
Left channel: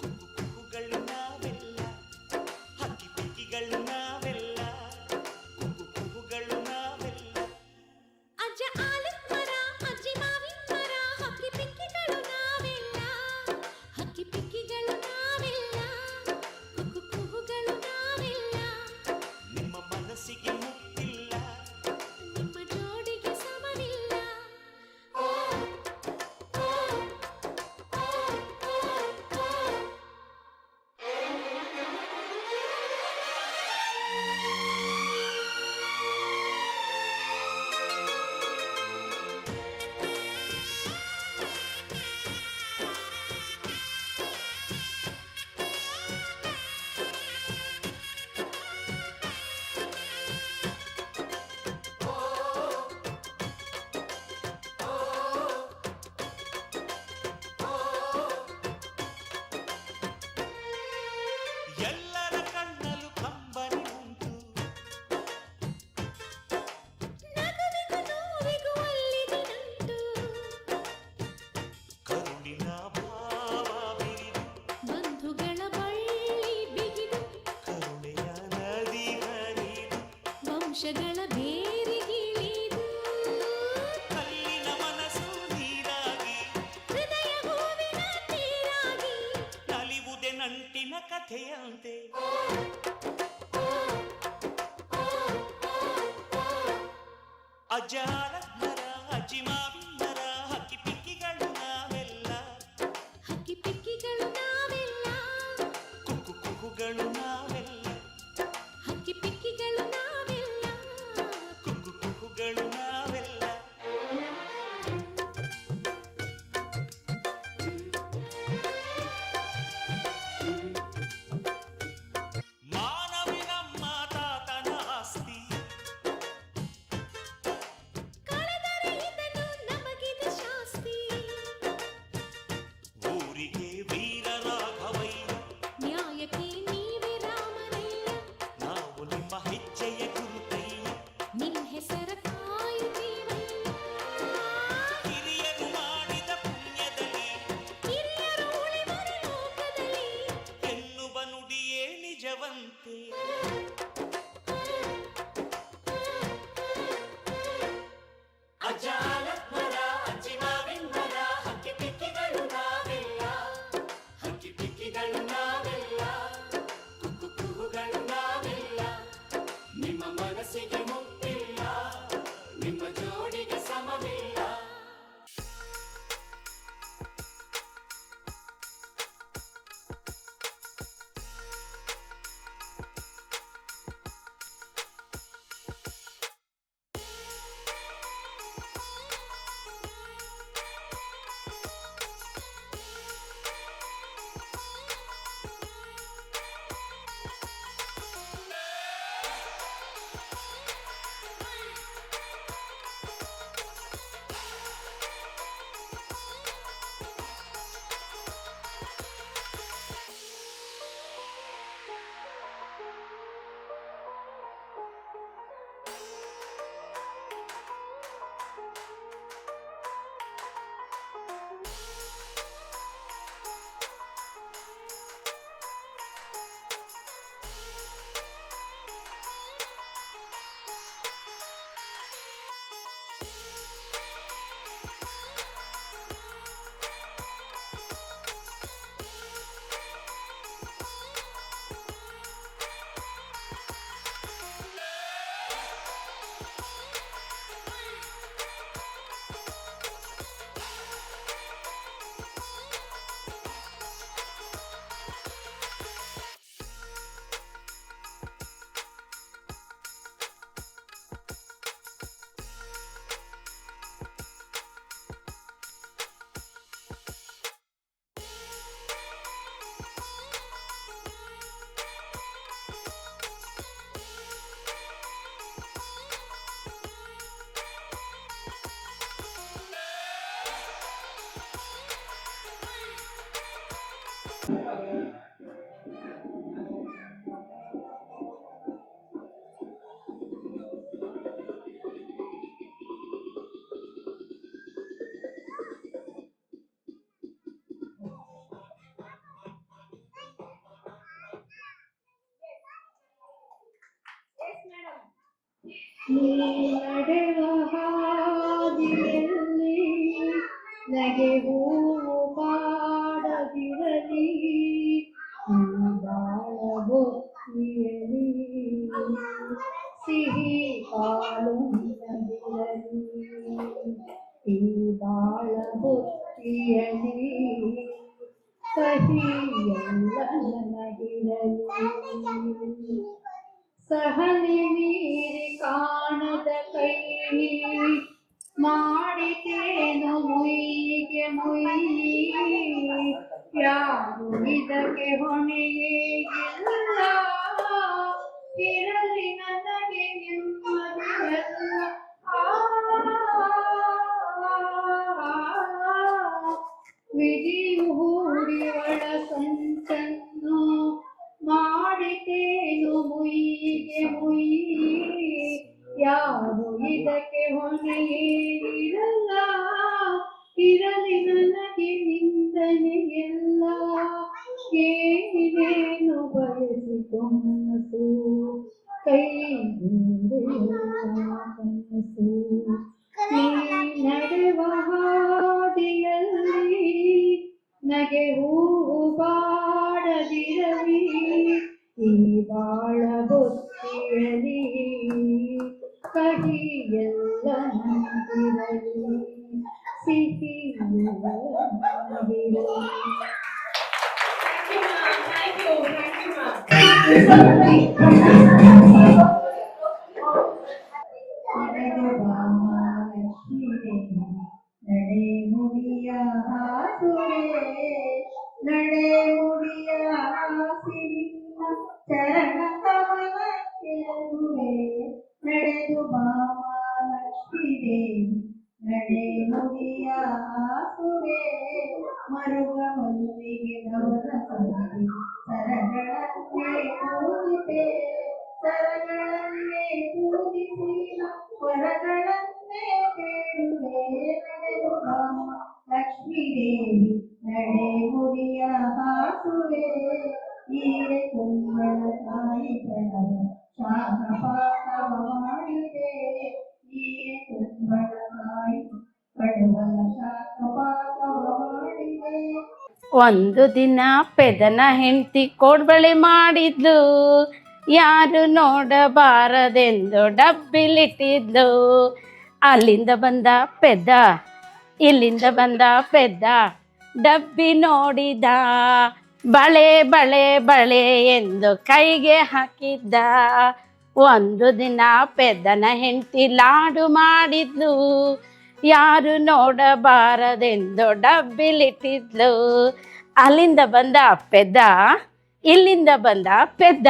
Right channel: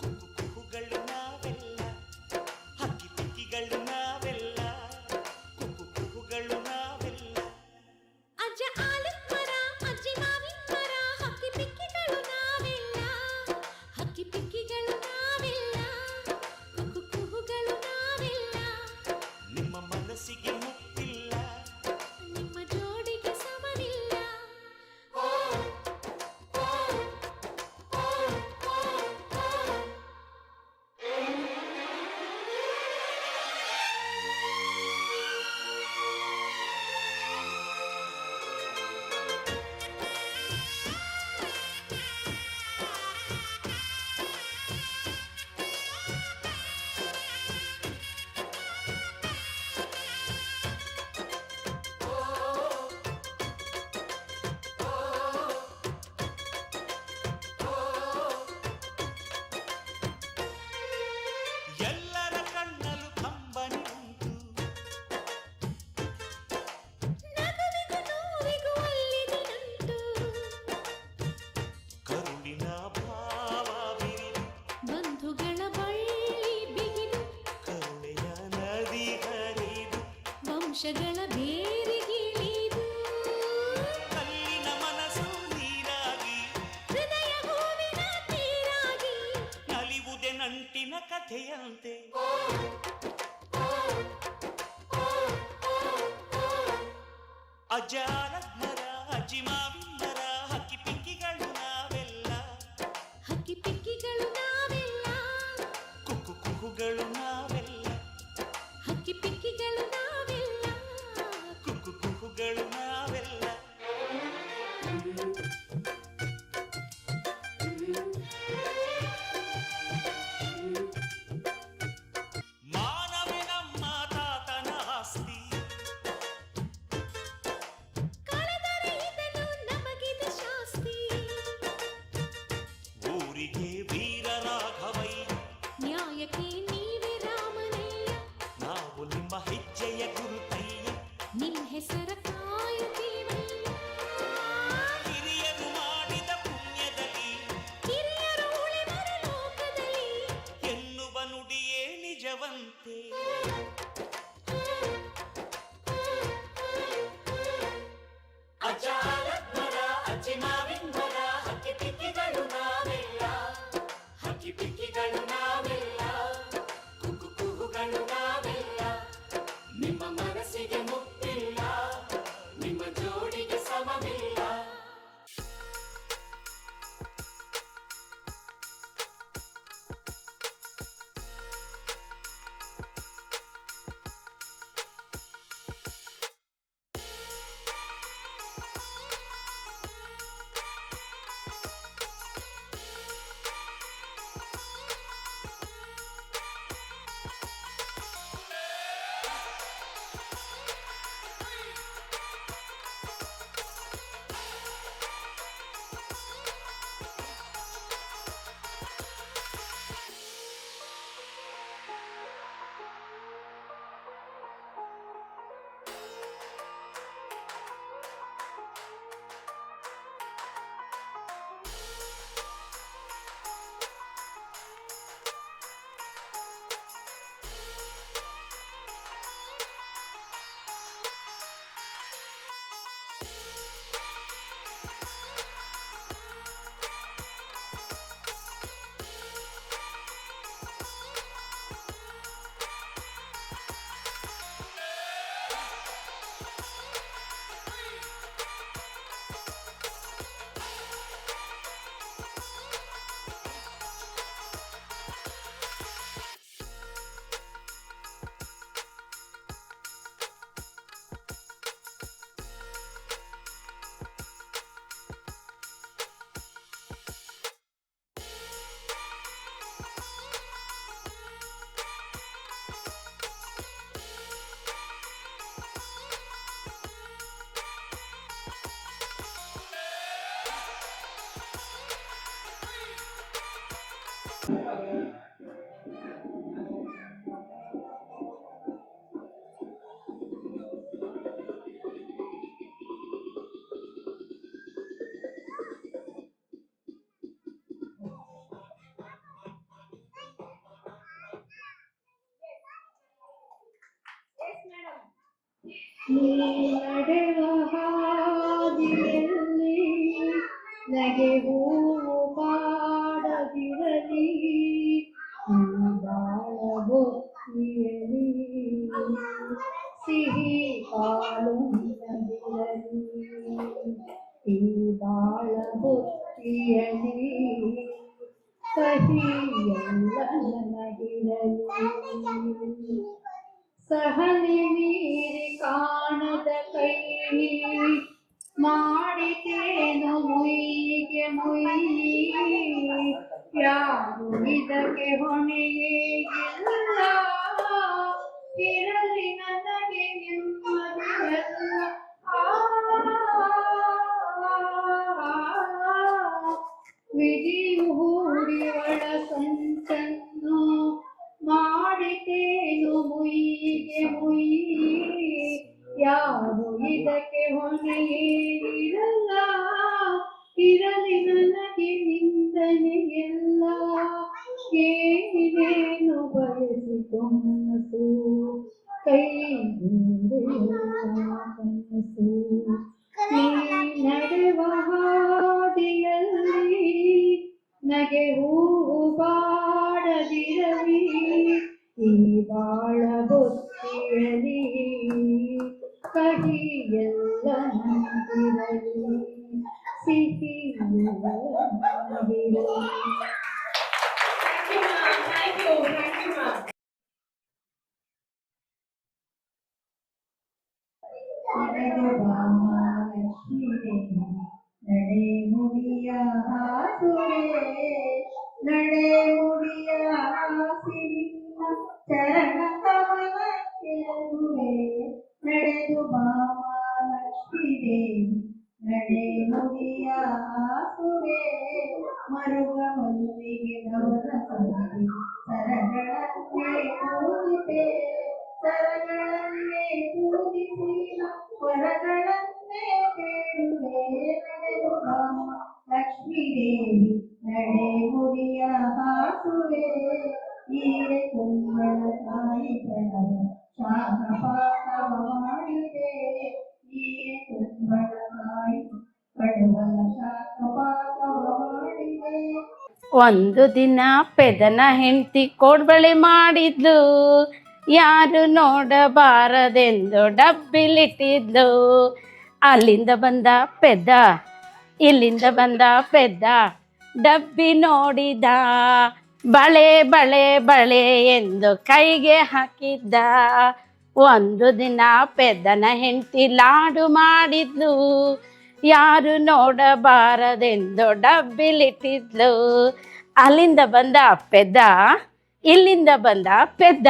ಕುಕ್ಕು ಕುಕ್ಕುಗಳು ನಾವೆಲ್ಲ, ಹಕ್ಕಿ ಪಿಕ್ಕಿಗಳು ನಾವೆಲ್ಲ, ಕುಕ್ಕು ಕುಕ್ಕುಗಳು ನಾವೆಲ್ಲ. ಅಜ್ಜ ಆಲದ ಮರ ಅಜ್ಜಿ ಮಾವಿನ ಮರ ಹಕ್ಕಿ ಪಿಕ್ಕಿಗಳು ನಾವೆಲ್ಲ, ಹಕ್ಕಿ ಪಿಕ್ಕಿಗಳು ನಾವೆಲ್ಲ, ಕುಕ್ಕು ಕುಕ್ಕುಗಳು ನಾವೆಲ್ಲ. ನಿಮ್ಮ ಮನಸ್ಸಿಗೆ ಮುಟ್ಟಿಲ್ಲ, ನಿಮ್ಮ ಜೋಡಿಗೆ ಸಮವಿಲ್ಲ. ಎಲ್ಲರ ಕಣ್ಣಲು ಕಂಬನಿ ಉಂಟು, ನಗುವಿಗೂ ನೋವಿಗೂ ಅಲ್ಲಿದೆ ನಂಟು, ಕರುಳಿನ ಭಾವ ಬಿರಿದು, ಬಂಧುಗಳ ಬಳ್ಳಿ ಬಿಗಿದು, ಕರುಣೆಯ ನದಿ ಹರಿದು, ವಂಶಗಳ ಬೇರಿಗಿಳಿದು, ಕಲ್ಲಿನ ಮನಸ್ಸು ನೀರಾಗಿ, ಹೃದಯ ಹೂವಿನ ನೀರಾಗಿ, ನಲಿವುದೇ ನಂಟಿನ ಕಥೆಯಂತೆ. ಅಜ್ಜಾಲದ ಮರ ಅಜ್ಜಿ ಮಾವಿನ ಮರ ಹಕ್ಕಿ ಪಿಕ್ಕಿಗಳು ನಾವೆಲ್ಲ, ಹಕ್ಕಿ ಪಿಕ್ಕಿಗಳು ನಾವೆಲ್ಲ, ಕುಕ್ಕು ಕುಕ್ಕುಗಳು ನಾವೆಲ್ಲ, ಮೆರೆವಂತೆ ಅಜಾಲದ ಮರ ಅಜ್ಜಿ ಮಾವಿನ ಮರ ಹಕ್ಕಿ ಪಿಕ್ಕಿಗಳು ನಾವೆಲ್ಲ ಹಕ್ಕಿ ಪಿಕ್ಕಿಗಳು ನಾವೆಲ್ಲ ಕುಕ್ಕು ಕುಹುಗಳು ನಾವೆಲ್ಲ ನಿಮ್ಮ ಮನಸ್ಸಿಗೆ ಮುಟ್ಟಿಲ್ಲ ನಿಮ್ಮ ಜೋಡಿಗೆ ಸಮವಿಲ್ಲ ನಡೆವ ಹಾದಿಯಲ್ಲಿ ನಗೆ ಹೂವು ಪಾಡದಿರಲಿ ಬಾಳ ಬೊತ್ತಿಯಲಿ ಸಿಹಿ ಪಾಲುಂದಿರಲಿ ಈ ಬಾಳ ಬೊತ್ತಿಯಲಿ ಕಹಿ ಎಲ್ಲ ನನಗಿರಲಿ ಸಹನೆ ಮೀರಿ ಕಾಣದ ಕೈ ಮಾಡಿತೇನು ಮುಯ್ಯಿಗೆ ಮುಯ್ಯಿ ಯಾರು ಇದಕ್ಕೆ ಹೊಣೆಯೇಗಿಲ್ಲ ಇರಲಿ ನನಗೆ ನೆಮ್ಮದಿಯಲ್ಲ ವಿಧಿಯು ಹೂಡಿವಳ ಸಂಚನ್ನು ಮಾಡಿತೇನು ಮುಯ್ಯಿಗೆ ಮುಯ್ಯಿ ಯಾರು ಇದಕ್ಕೆ ಹೊಣೆಯೇನಿರಲ್ಲ ಇರಲಿ ನನಗೆ ನಿಂದನೆಯಲ್ಲ ಏನೇನು ಬಯಸಿತು ಮನಸ್ಸು ಕೈ ಕನಸು ನೀ ನಡೆವ ಹಾದಿಯಲ್ಲಿ ನಗೆ ಹೂವು ಬಾಡದಿರಲಿ ಈ ಬಾಳ ಬೊತ್ತಿಯಲಿ ಕಹಿ ಎಲ್ಲ ನಂದಿರಲಿ ಸಿಹಿ ಎಲ್ಲ ನಂದಿರಲಿ. ನಡೆ ಮುಡಿಯ ಹಾಸುರೆ ನಡೆ ಮುಡಿಯ ಹಾಸಿನ ಚರಣ ಕಮಲ ಕೆಳಗುವೆ ನಡೆದು ಬಾಮ ಲಕ್ಷ್ಮೀ ದೇವಿ ನಡೆ ಮುಡಿಯ ಹಾಸುವೆ ಮರುಗ ಮಲ್ಲಿಗೆ ಗೌರ ಸಂಗಿ ಸರಗಳನ್ನೇ ಪೂಜಿತೆ ಸರಗಳನ್ನೇ ಪೂಜಿಸಿ ವರಗಳನ್ನೇ ಬೇಡುವೆ ನಡೆದು ಬಾಮ ಲಕ್ಷ್ಮೀ ದೇವಿ ನಡೆ ಮುಡಿಯ ಹಾಸುವೆ ಈರೆ ಕುಂಬಳ ಒಂದು ದಿನ ಪೆದನ ಹೆಂಡತಿ ಕೋಡ್ಬಳೆ ಮಾಡಿದ್ಲು, ಯಾರು ನೋಡಬಾರದೆಂದು ಡಬ್ಬಿಲಿಟ್ಟಿದ್ಲು. ಅಲ್ಲಿಂದ ಬಂದ ಪೆದ್ದ, ಇಲ್ಲಿಂದ ಬಂದ ಪೆದ್ದ, ಡಬ್ಬಿ ನೋಡಿದ, ಬಳೆ ಬಳೆ ಬಳೆ ಎಂದು ಕೈಗೆ ಹಾಕಿದ್ದ. ಒಂದು ದಿನ ಪೆದ್ದನ ಹೆಂಡತಿ ಲಾಡು ಮಾಡಿದ್ಲು, ಯಾರು ನೋಡಬಾರದೆಂದು ಡಬ್ಬಿಲಿಟ್ಟಿದ್ಲು. ಅಲ್ಲಿಂದ ಬಂದ ಪೆದ್ದ, ಇಲ್ಲಿಂದ ಬಂದ ಪೆದ್ದ,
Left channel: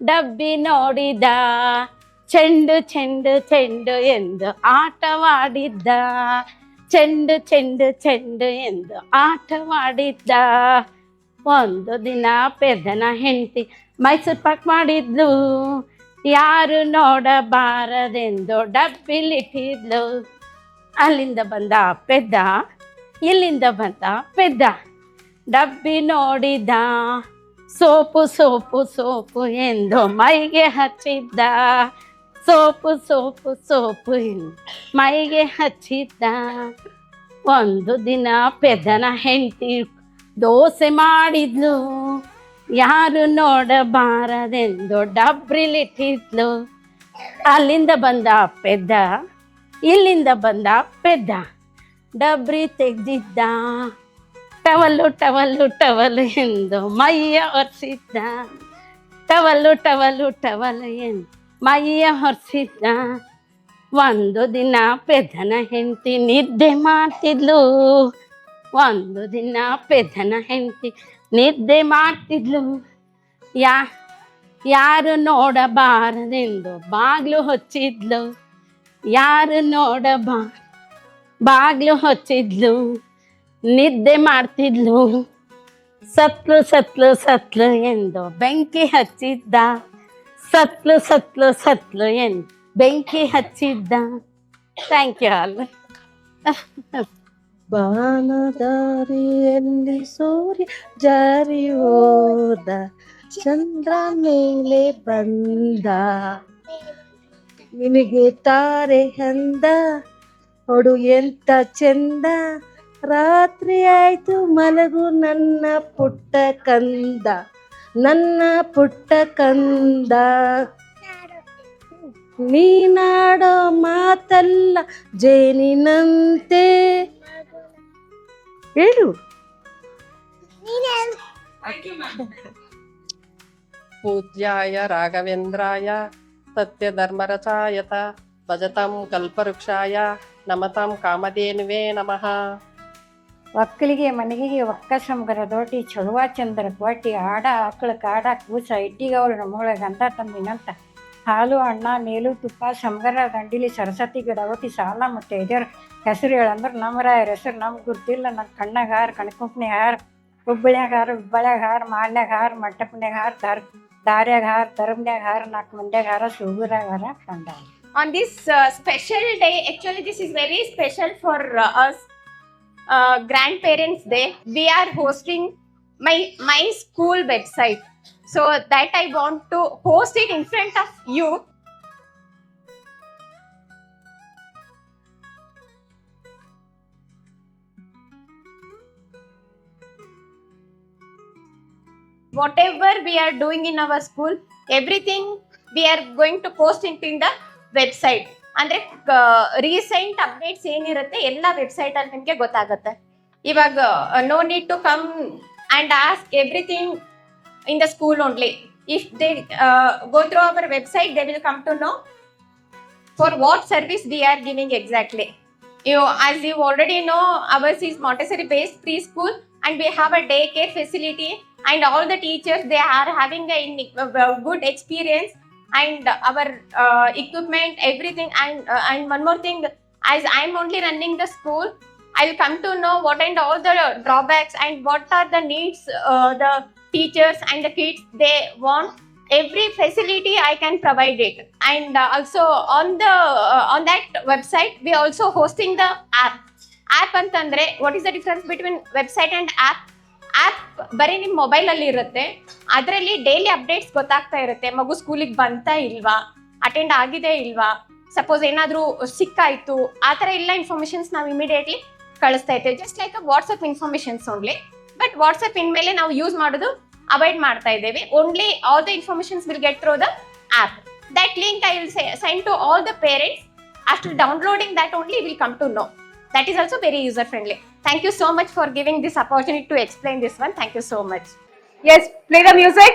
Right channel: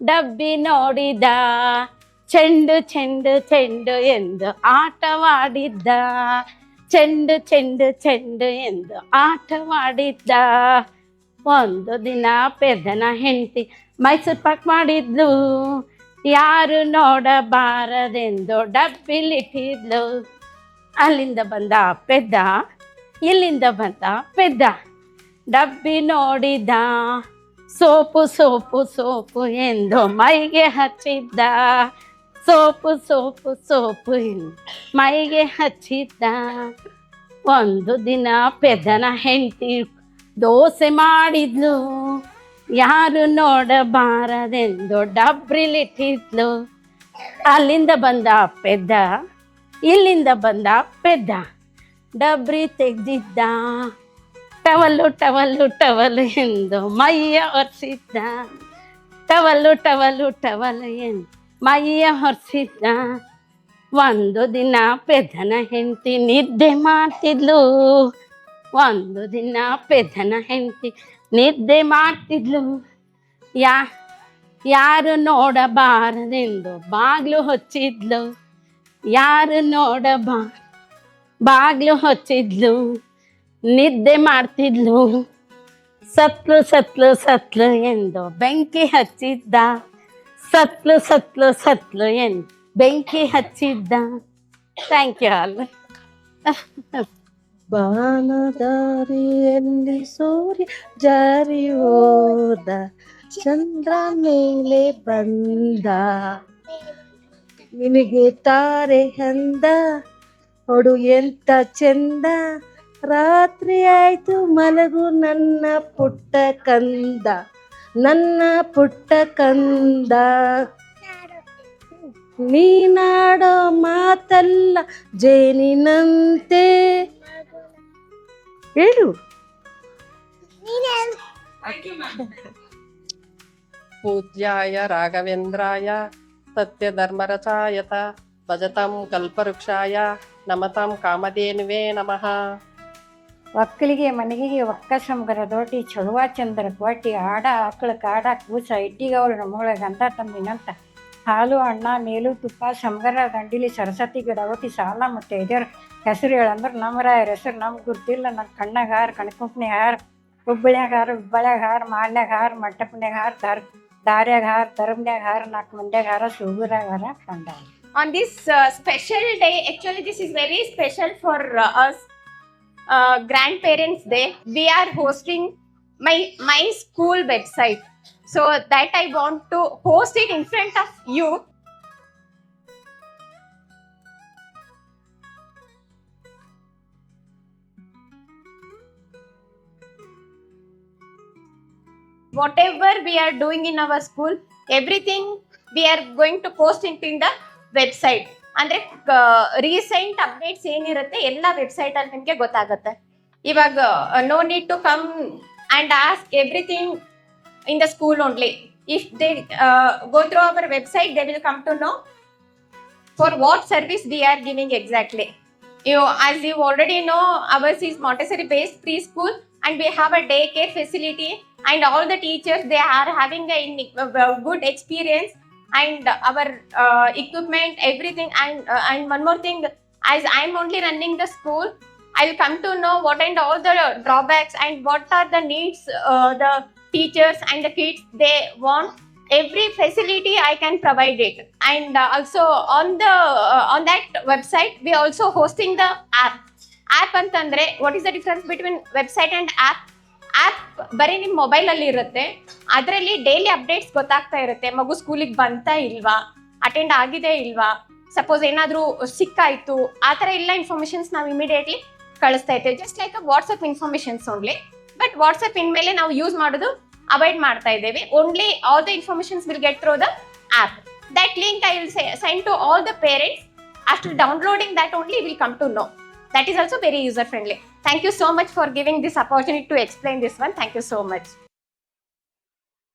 ಡಬ್ಬಿ ನೋಡಿದ, ಚೆಂಡು ಚೆಂಡು ಚೆಂಡು ಎಂದು ಆಟವಾಡಿದ್ದ, ಚೆಂಡು ಚೆಂಡು ಚೆಂಡು ಎಂದು ಆಟವಾಡಿದ್ದ. ಒಂದು ದಿನ ಪೆದ್ದನ ಹೆಂಡತಿ ಮೈಸೂರು ಪಾಕ್ ಮಾಡಿದ್ಲು, ಯಾರು ನೋಡಬಾರದೆಂದು ಡಬ್ಬಿಲಿಟ್ಟಿದ್ಲು. ಅಲ್ಲಿಂದ ಬಂದ ಪೆದ್ದ, ಇಲ್ಲಿಂದ ಬಂದ ಪೆದ್ದ, ಡಬ್ಬಿ ನೋಡಿದ, ಸೋಪು ಸೋಪು ಸೋಪು ಎಂದು ಮೈಗೆ ಹಚ್ಚಿದ್ದ, ಸೋಪು ಸೋಪು ಸೋಪು ಎಂದು ಮೈಗೆ ಹಚ್ಚಿದ್ದ. ಒಂದು ದಿನ ಪೆದ್ದನ ಹೆಂಡತಿ ದೋಸೆ ಮಾಡಿದ್ಲು, ಯಾರು ನೋಡಬಾರದೆಂದು ಡಬ್ರಿಲಿಟ್ಟಿದ್ಲು. ಅಲ್ಲಿಂದ ಬಂದ ಪೆದ್ದ, ಇಲ್ಲಿಂದ ಬಂದ ಪೆದ್ದ, ಡಬ್ರಿ ತೆಗ್ದಿದ್ದ, ಟವಲ್ಲು ಟವಲ್ಲು ಟವಲು ಎಂದು ಮೈಯ ಒರೆಸಿದ್ದ, ಟವಲ್ಲು ಟವಲ್ಲು ಟವಲು ಎಂದು ಮೈಯ ಒರೆಸಿದ್ದ. ಒಂದು ದಿನ ಪೆದ್ದನ ಹೆಂಡತಿ ನಿದ್ದೆ ಮಾಡ್ತಿದ್ಲು, ಒಂದು ದಿನ ಪೆದ್ದನ ಹೆಂಡತಿ ನಿದ್ದೆ ಮಾಡ್ತಿದ್ಲು, ಯಾರು ನೋಡಬಾರದೆಂದು ಬಾಗ್ಲು ಹೊಚ್ಚಿದ್ಲು, ಯಾರು ಬಾಗ್ಲು ಹೊಚ್ಚಿದ್ಲು, ನಿದ್ದೆ ಮಾಡ್ತಿದ್ಲು. ಸತ್ಲು ಸತ್ಲು ಸತ್ಲು ಎಂದು ಬೆಂಕಿ ಹಚ್ಚಿದ್ದ, ಸತ್ಲು ಸತ್ಲು ಸತ್ಲು ಎಂದು ಬೆಂಕಿ ಹಚ್ಚಿದ್ದ. Thank you all. ಬಾನದಾರಿಯಲ್ಲಿ ಸೂರ್ಯ ಜಾರಿ ಹೋದ, ಚಂದ್ರ ಮೇಲೆ ಬಂದ, ನಿನಗೆ ತಾರೆ ಅಂದ, ಹೊಡು ಎಂತ ಚಂದ, ರಾತ್ರಿ ಆಯ್ತು ಮಲಗು ನನ್ನ ಪುಟ್ಟ ಕಂದ, ನನ್ನ ಪುಟ್ಟ ಕಂದ. ನೀನಾಡೋ ಮಾತಲ್ಲ ಜೇನಿನಂತೆ, ಹೇಳು. ಪೂಜ್ಯಾಯ ರಾಘವೇಂದ್ರಾಯ ಸತ್ಯಧರ್ಮರಚಾಯತ ಭಜತಾಂ ಕಲ್ಪವೃಕ್ಷಾಯ ನಮತಾಂ ಕಾಮಧೇನುವೇ ನಮಃ. ಒಕ್ಕಲಿಗೆ ಮನೆಗೆ ಒಕ್ಕಸಂಗರ ದೋಟಿ ಚಳುವ ಚಂದ್ರ ಕೋಟಿ ಆಡ ಆಕಳ ಕಾಡ ಕೂಸ ಇಟ್ಟಿಗೆ ಅವಳು ನಮ್ಮೊಳಗೆ ಗಂಧ ತಂದಿನಂತ ಹಾಲು ಅಣ್ಣ ನೇಲು ತುಪ್ಪ ಸಂಗರ ದಂಡಿಲಿ ಸರಸ್ವತಿ ಗಿಡ ಒಟ್ಟಿ ಸಾಲ ಮತ್ತು ಇದರ ಹೆಸರು ಹೇಳಂದ್ರೆ ನಮ್ಮ ರಾಯರ ಹೆಸರು ನಮ್ಗೆ ಗೊತ್ತಿಲ್ಲ. ನನ್ನ ಕಣ್ಣಾಗ ಹಾರ, ಕಣ್ಕುಂಪ್ನ್ಯಾಗ ಹಾರ, ಹುಬ್ಬಳ್ಯಾಗ ಹಾರ, ಹುಬ್ಬಳ್ಯಾಗ ಹಾರ, ಮಾಡ್ನ್ಯಾಗ ಹಾರ, ಮಂಟಪನ್ಯಾಗ ಹಾರ, ದಾರ್ಯಾಗ ಹಾರ, ತರಮ್ನ್ಯಾಗ ಹಾರ, 4 ಮಂದ್ಯಾಗ ಹಾರ, ಸುಗುರಾಗ ಹಾರ, ಕಂಡ. On this special day, actually this is very special for us, Grandparents Day. We are hosting my school website, so that I want to host it in front of you. Whatever we are doing in our school, everything we are going to post it in the website. ಅಂದ್ರೆ recent updates ಏನಿರುತ್ತೆ ಎಲ್ಲ website ಅಲ್ಲಿ ನಿಮಗೆ ಗೊತ್ತಾಗುತ್ತೆ. ಇವಾಗ no need to come and ask everything in the school only. If they go through our website, they will come to know for what service we are giving exactly. As you already know, ours is Montessori based preschool and we have a daycare facility, and all the teachers, they are having a good experience, and our equipment, everything, and one more thing, as I'm only running the school, I'll come to know what and all the drawbacks and what are the needs the teachers and the kids they want. Every facility I can provide it, and also on that website we also hosting the app. Antandre, what is the difference between website and app? App ಬರೀ ನಿಮ್ಮ ಮೊಬೈಲಲ್ಲಿ ಇರುತ್ತೆ. ಅದರಲ್ಲಿ daily updates ಗೊತ್ತಾಗ್ತಾ ಇರುತ್ತೆ. ಮಗು ಸ್ಕೂಲಿಗೆ ಬಂತಾ ಇಲ್ವಾ, ಅಟೆಂಡ್ ಆಗಿದೆ ಇಲ್ವಾ, ಸಪೋಸ್ ಏನಾದರೂ ಸಿಕ್ಕಾಯಿತು, ಆ ಥರ ಎಲ್ಲ ಇನ್ಫಾರ್ಮೇಷನ್ಸ್ ನಾವು ಇಮಿಡಿಯೇಟ್ಲಿ ಕಳಿಸ್ತಾ ಇರ್ತೇವೆ. Just like WhatsApp informations only. But WhatsApp ಇನ್ಮೇಲೆ ನಾವು ಯೂಸ್ ಮಾಡೋದು ಅವಾಯ್ಡ್ ಮಾಡ್ತಾ ಇದ್ದೇವೆ. Only all the informations will get through the app. That link I will send to all the parents. After downloading that only will come to know. That is also very user friendly. Thank you so much for giving this opportunity to explain this one. Thank you so much. Yes, play the music.